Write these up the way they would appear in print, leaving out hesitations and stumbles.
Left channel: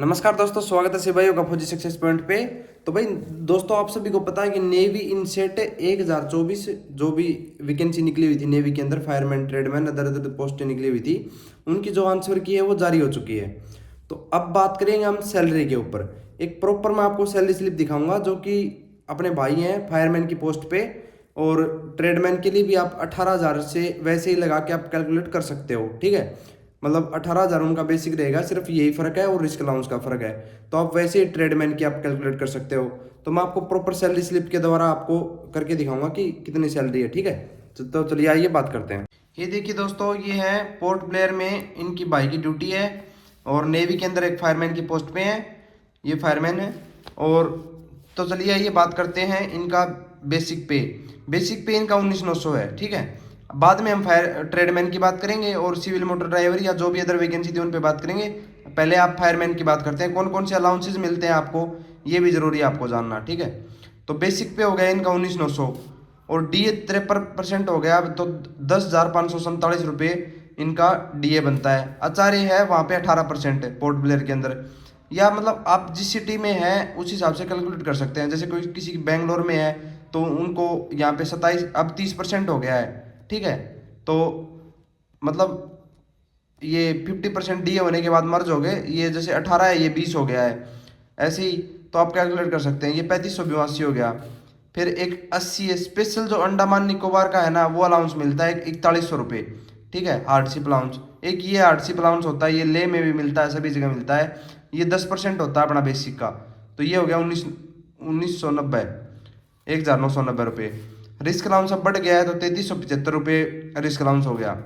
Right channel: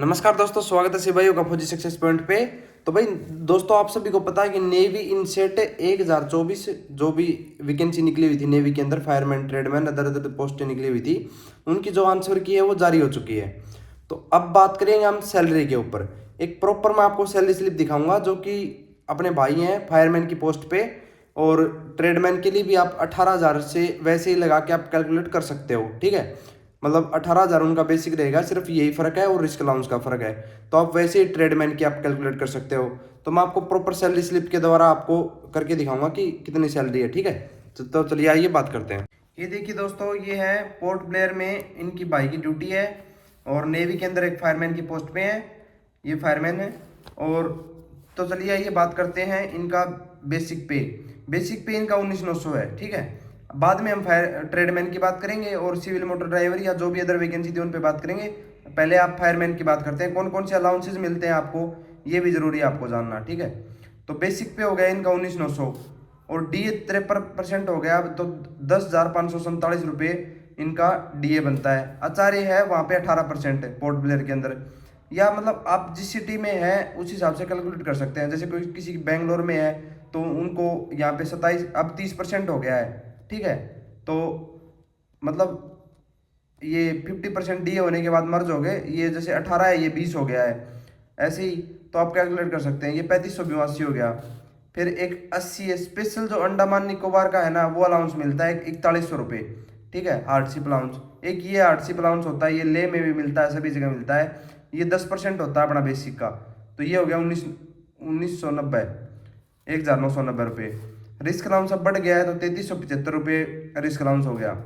नमस्कार दोस्तों, स्वागत है शिव भाइयों का फौजी सक्सेस पॉइंट पे। तो भाई दोस्तों, आप सभी को पता है कि नेवी इनसेट 1024 जो भी वैकेंसी निकली हुई थी नेवी के अंदर, फायरमैन, ट्रेडमैन, अदर अदर पोस्टें निकली हुई थी, उनकी जो आंसर की है वो जारी हो चुकी है। तो अब बात करेंगे हम सैलरी के ऊपर। एक प्रॉपर मैं आपको सैलरी स्लिप दिखाऊंगा जो कि अपने भाई हैं फायरमैन की पोस्ट पे, और ट्रेडमैन के लिए भी आप 18,000 से वैसे ही लगा के आप कैलकुलेट कर सकते हो। ठीक है, मतलब 18,000 उनका बेसिक रहेगा, सिर्फ यही फर्क है और रिस्क अलाउंस का फर्क है। तो आप वैसे ही ट्रेडमैन की आप कैलकुलेट कर सकते हो। तो मैं आपको प्रॉपर सैलरी स्लिप के द्वारा आपको करके दिखाऊंगा कि कितनी सैलरी है। ठीक है, तो चलिए आइए बात करते हैं। ये देखिए दोस्तों, ये है पोर्ट ब्लेयर में इनकी भाई की ड्यूटी है, और नेवी के अंदर एक फायरमैन की पोस्ट पे है, ये फायरमैन है। और तो चलिए आइए बात करते हैं इनका बेसिक पे। बेसिक पे इनका 19,900 है। ठीक है, बाद में हम फायर ट्रेडमैन की बात करेंगे और सिविल मोटर ड्राइवर या जो भी अदर वैकेंसी थी उन पे बात करेंगे। पहले आप फायरमैन की बात करते हैं, कौन कौन से अलाउंसेज मिलते हैं आपको, ये भी जरूरी है आपको जानना। ठीक है, तो बेसिक पे हो गया इनका 19,900, और डीए 53% हो गया, तो 10,547 रुपये इनका डीए बनता है। आचार्य है वहाँ पे 18% पोर्ट ब्लेयर के अंदर, या मतलब आप जिस सिटी में हैं उस हिसाब से कैलकुलेट कर सकते हैं। जैसे कोई किसी बेंगलोर में है तो उनको यहाँ पे 27, अब 30% हो गया है। ठीक है, तो मतलब ये 50% डीए होने के बाद मर्ज हो गए, ये जैसे 18 है ये 20 हो गया है, ऐसे ही तो आप कैलकुलेट कर सकते हैं। ये 3582 हो गया। फिर एक 80 है स्पेशल, जो अंडमान निकोबार का है ना, वो अलाउंस मिलता है 4100 रुपये। ठीक है, हार्डशिप अलाउंस। एक ये हार्डशिप अलाउंस होता है, ये ले में भी मिलता है, सभी जगह मिलता है। ये 10% होता है अपना बेसिक का। तो ये हो गया 1990, 1,990 रुपये। रिस्क अलाउंस अब बढ़ गया है तो 3375 रुपये रिस्क अलाउंस हो गया,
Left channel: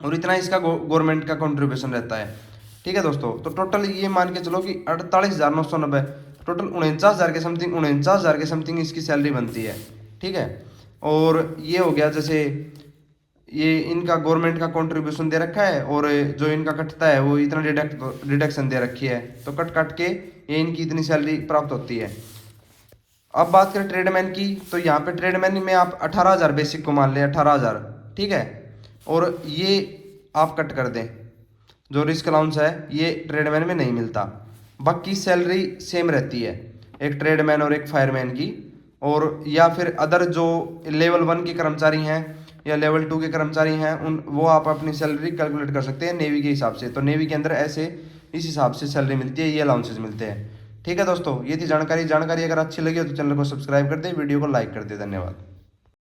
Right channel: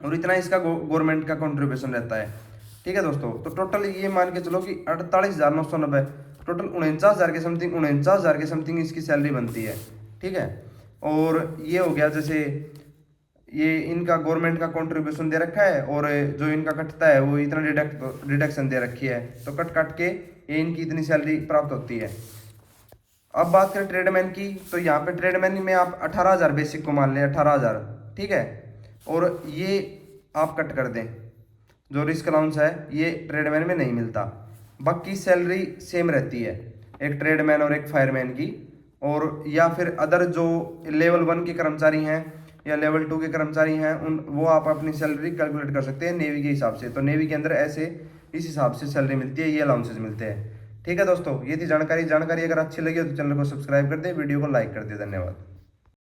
और इतना इसका गवर्नमेंट का कंट्रीब्यूशन रहता है। ठीक है दोस्तों, तो टोटल ये मान के चलो कि 48,990, टोटल 49,000 के समथिंग, 49,000 के समथिंग इसकी सैलरी बनती है। ठीक है, और ये हो गया जैसे ये इनका गवर्नमेंट का कंट्रीब्यूशन दे रखा है, और जो इनका कटता है वो इतना डिडक्शन दे रखी है, तो कट कट के ये इनकी इतनी सैलरी प्राप्त होती है। अब बात करें ट्रेडमैन की, तो यहाँ पे ट्रेडमैन में आप 18,000 बेसिक को मान लें, 18,000। ठीक है, और ये आप कट कर दें, जो रिस्क अलाउंस है ये ट्रेडमैन में नहीं मिलता। बाकी सैलरी सेम रहती है एक ट्रेडमैन और एक फायरमैन की। और या फिर अदर जो लेवल 1 के कर्मचारी हैं या लेवल 2 के कर्मचारी हैं, उन वो आप अपनी सैलरी कैलकुलेट कर सकते हैं नेवी के हिसाब से। तो नेवी के अंदर ऐसे इस हिसाब से सैलरी मिलती है, ये अलाउंसेज मिलते हैं। ठीक है दोस्तों, ये थी जानकारी। अगर अच्छी लगी हो तो चैनल को सब्सक्राइब कर दे, वीडियो को लाइक कर दे। धन्यवाद।